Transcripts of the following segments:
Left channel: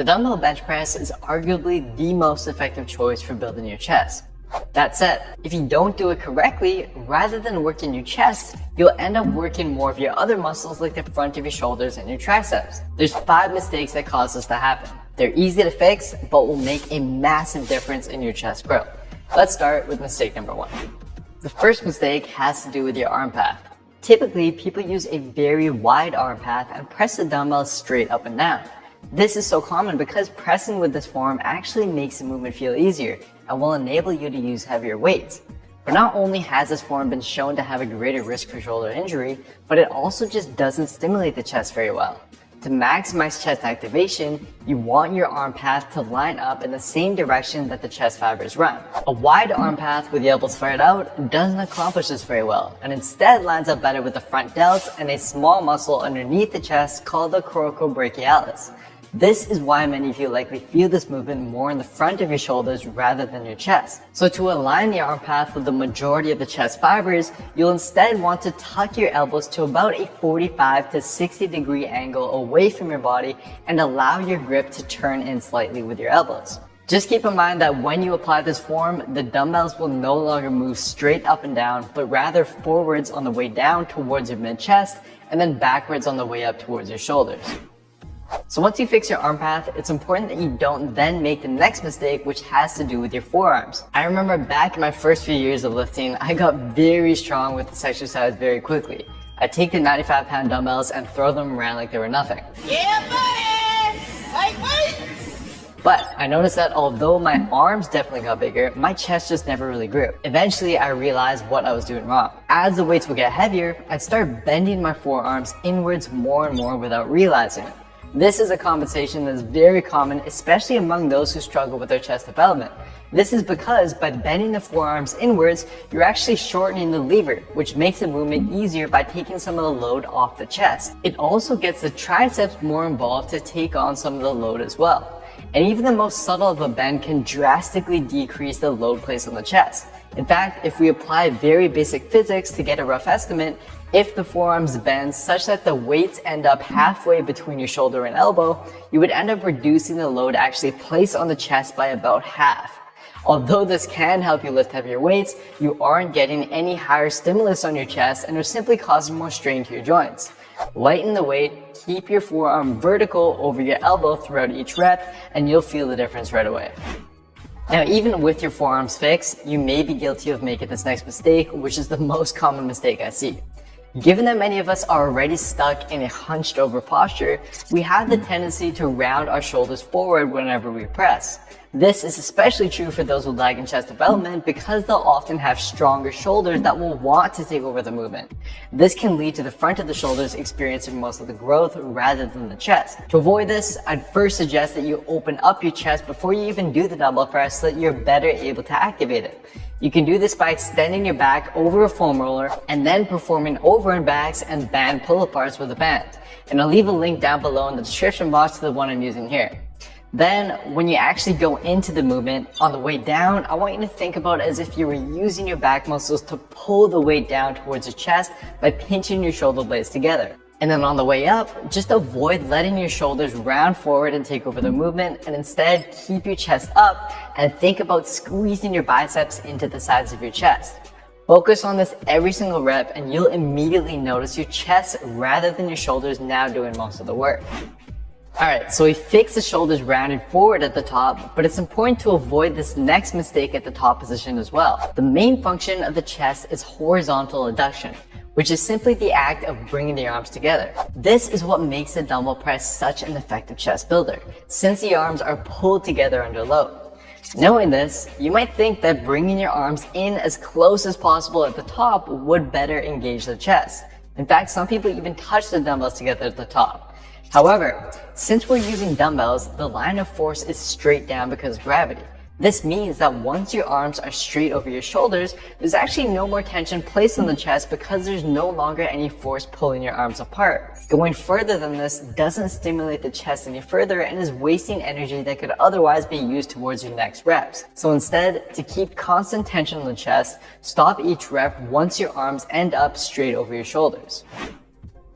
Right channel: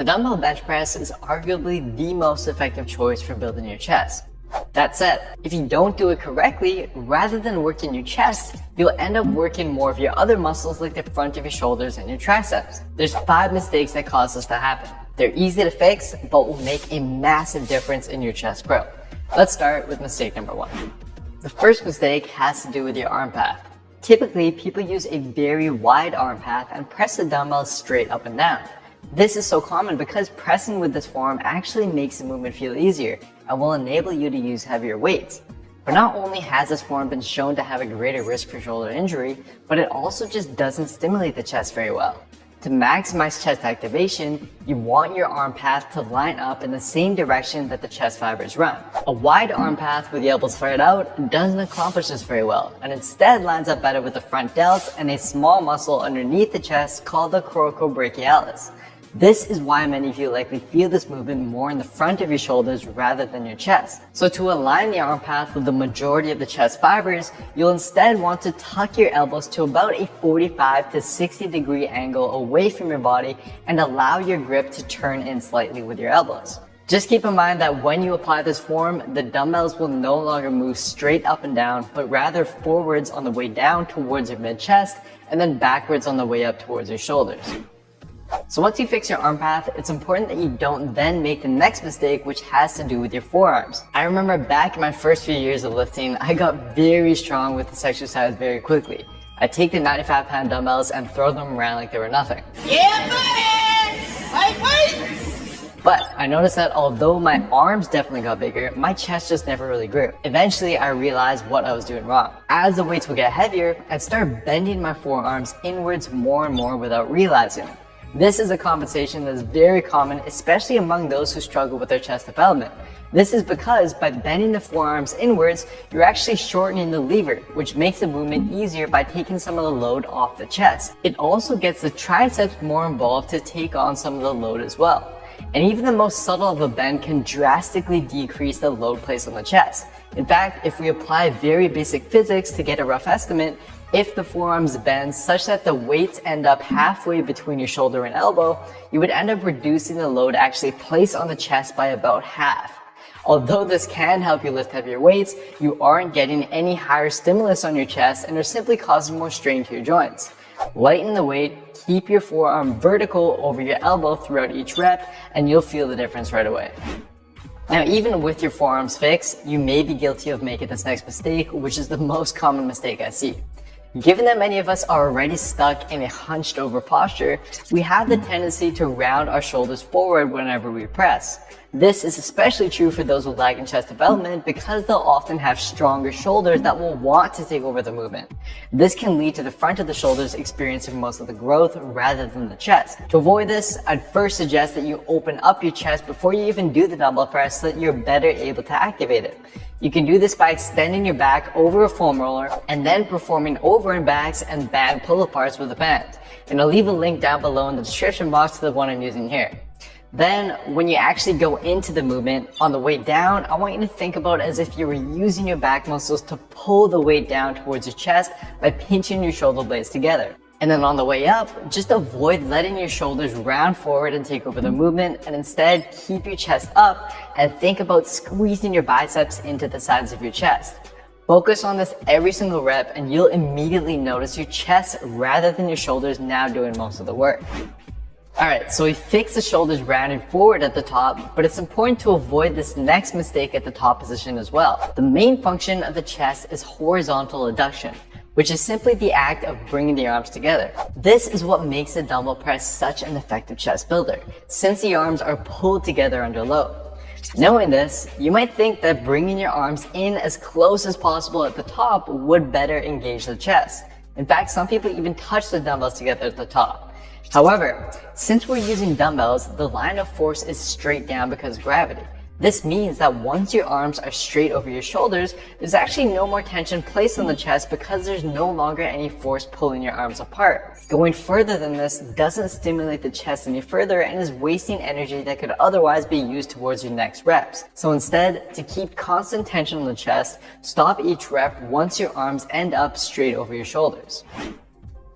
The dumbbell bench press is arguably the most effective choice for building your chest. That said, if you don't do it correctly, rather than working your chest, you'll end up working more of your other muscles like the front of your shoulders and your triceps. There's 5 mistakes that cause this to happen. They're easy to fix, but will make a massive difference in your chest growth. Let's start with mistake number 1. The first mistake has to do with your arm path. Typically, people use a very wide arm path and press the dumbbells straight up and down. This is so common because pressing with this form actually makes the movement feel easier and will enable you to use heavier weights. But not only has this form been shown to have a greater risk for shoulder injury, but it also just doesn't stimulate the chest very well. To maximize chest activation, you want your arm path to line up in the same direction that the chest fibers run. A wide arm path with the elbows flared out doesn't accomplish this very well, and instead lines up better with the front delts and a small muscle underneath the chest called the coracobrachialis. This is why many of you likely feel this movement more in the front of your shoulders rather than your chest. So to align the arm path with the majority of the chest fibers, you'll instead want to tuck your elbows to about a 45 to 60 degree angle away from your body and allow your grip to turn in slightly with your elbows. Just keep in mind that when you apply this form, the dumbbells will no longer move straight up and down, but rather forwards on the way down towards your mid-chest and then backwards on the way up towards your shoulders. So once you fix your arm path, it's important that you don't then make the next mistake, which has to do with your forearms. I remember back in my first few years of lifting, I got very strong with this exercise very quickly. I'd take the 95-pound dumbbells and throw them around like they were nothing. Yeah, buddy! High five! But I noticed that although my arms definitely got bigger, my chest just never really grew. Eventually, I realized what I was doing wrong. As the weights would get heavier, I'd start bending my forearms inwards more and more without realizing it. This is a compensation that is very common, especially among those who struggle with their chest development. This is because by bending the forearms inwards, you're actually shortening the lever, which makes the movement easier by taking some of the load off the chest. It also gets the triceps more involved to take on some of the load as well. And even the most subtle of a bend can drastically decrease the load placed on the chest. In fact, if we apply very basic physics to get a rough estimate, if the forearms bend such that the weights end up halfway between your shoulder and elbow, you would end up reducing the load actually placed on the chest by about half. Although this can help you lift heavier weights, you aren't getting any higher stimulus on your chest and are simply causing more strain to your joints. Lighten the weight, keep your forearm vertical over your elbow throughout each rep, and you'll feel the difference right away. Now, even with your forearms fixed, you may be guilty of making this next mistake, which is the most common mistake I see. Given that many of us are already stuck in a hunched over posture, we have the tendency to round our shoulders forward whenever we press. This is especially true for those with lagging chest development because they'll often have stronger shoulders that will want to take over the movement. This can lead to the front of the shoulders experiencing most of the growth rather than the chest. To avoid this, I'd first suggest that you open up your chest before you even do the dumbbell press so that you're better able to activate it. You can do this by extending your back over a foam roller and then performing over and backs and band pull-aparts with a band. And I'll leave a link down below in the description box to the one I'm using here. Then, when you actually go into the movement, on the way down, I want you to think about it as if you were using your back muscles to pull the weight down towards your chest by pinching your shoulder blades together. And then on the way up, just avoid letting your shoulders round forward and take over the movement, and instead keep your chest up and think about squeezing your biceps into the sides of your chest. Focus on this every single rep and you'll immediately notice your chest rather than your shoulders now doing most of the work. Alright, so we fixed the shoulders rounded forward at the top, but it's important to avoid this next mistake at the top position as well. The main function of the chest is horizontal adduction, which is simply the act of bringing the arms together. This is what makes the dumbbell press such an effective chest builder, since the arms are pulled together under load. Knowing this, you might think that bringing your arms in as close as possible at the top would better engage the chest. In fact, some people even touch the dumbbells together at the top. However, since we're using dumbbells, the line of force is straight down because of gravity. This means that once your arms are straight over your shoulders, there's actually no more tension placed on the chest because there's no longer any force pulling your arms apart. Going further than this doesn't stimulate the chest any further and is wasting energy that could otherwise be used towards your next reps. So instead, to keep constant tension on the chest, stop each rep once your arms end up straight over your shoulders.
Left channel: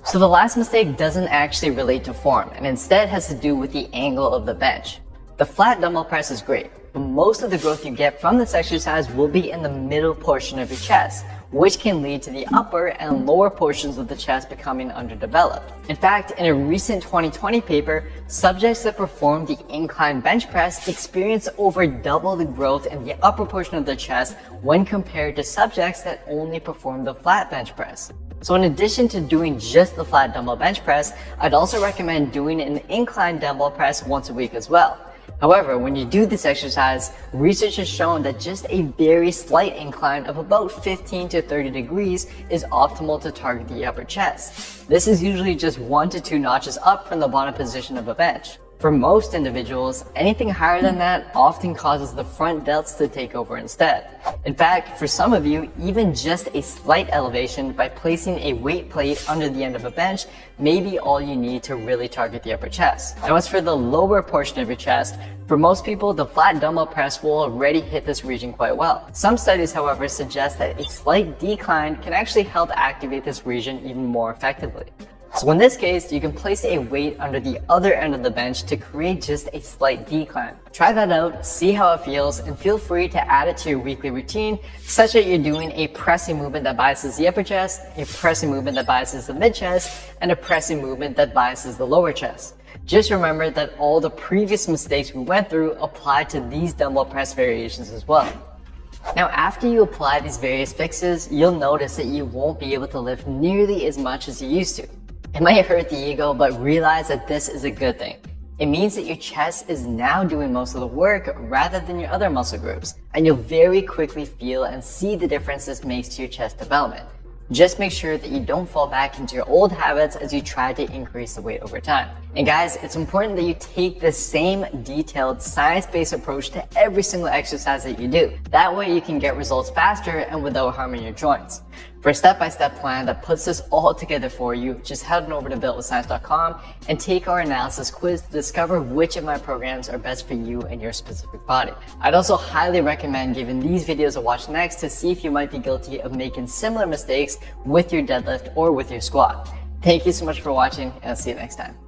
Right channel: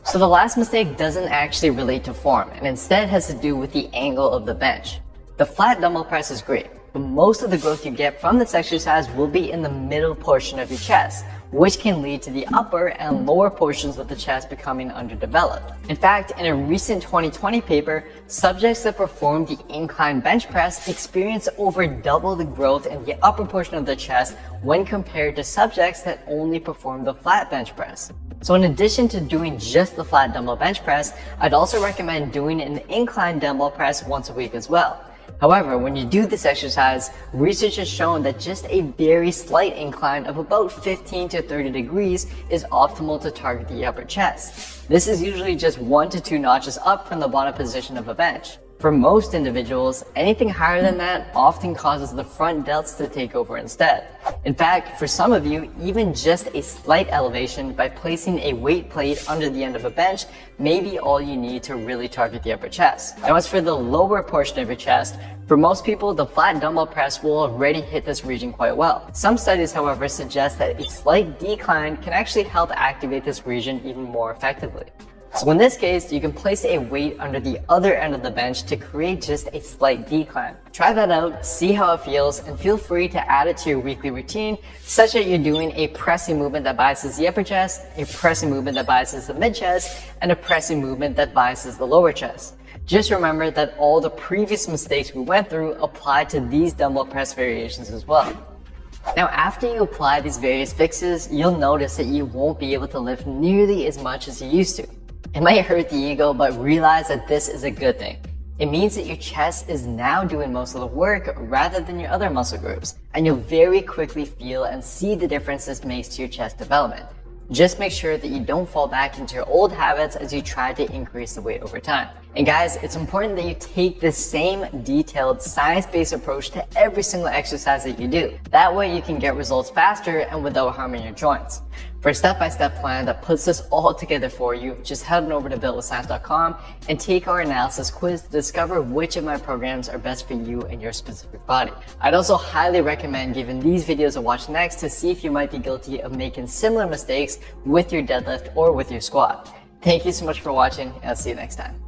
So the last mistake doesn't actually relate to form, and instead has to do with the angle of the bench. The flat dumbbell press is great, but most of the growth you get from this exercise will be in the middle portion of your chest, which can lead to the upper and lower portions of the chest becoming underdeveloped. In fact, in a recent 2020 paper, subjects that performed the incline bench press experienced over double the growth in the upper portion of the chest when compared to subjects that only performed the flat bench press. So in addition to doing just the flat dumbbell bench press, I'd also recommend doing an incline dumbbell press once a week as well. However, when you do this exercise, research has shown that just a very slight incline of about 15 to 30 degrees is optimal to target the upper chest. This is usually just 1 to 2 notches up from the bottom position of a bench. For most individuals, anything higher than that often causes the front delts to take over instead. In fact, for some of you, even just a slight elevation by placing a weight plate under the end of a bench may be all you need to really target the upper chest. Now, as for the lower portion of your chest, for most people, the flat dumbbell press will already hit this region quite well. Some studies, however, suggest that a slight decline can actually help activate this region even more effectively. So in this case, you can place a weight under the other end of the bench to create just a slight decline. Try that out, see how it feels, and feel free to add it to your weekly routine such that you're doing a pressing movement that biases the upper chest, a pressing movement that biases the mid chest, and a pressing movement that biases the lower chest. Just remember that all the previous mistakes we went through apply to these dumbbell press variations as well. Now, after you apply these various fixes, you'll notice that you won't be able to lift nearly as much as you used to. It might hurt the ego, but realize that this is a good thing. It means that your chest is now doing most of the work rather than your other muscle groups, and you'll very quickly feel and see the difference this makes to your chest development. Just make sure that you don't fall back into your old habits as you try to increase the weight over time. And guys, it's important that you take this same detailed science-based approach to every single exercise that you do. That way you can get results faster and without harming your joints. For a step-by-step plan that puts this all together for you, just head on over to builtwithscience.com and take our analysis quiz to discover which of my programs are best for you and your specific body. I'd also highly recommend giving these videos a watch next to see if you might be guilty of making similar mistakes with your deadlift or with your squat. Thank you so much for watching, and I'll see you next time.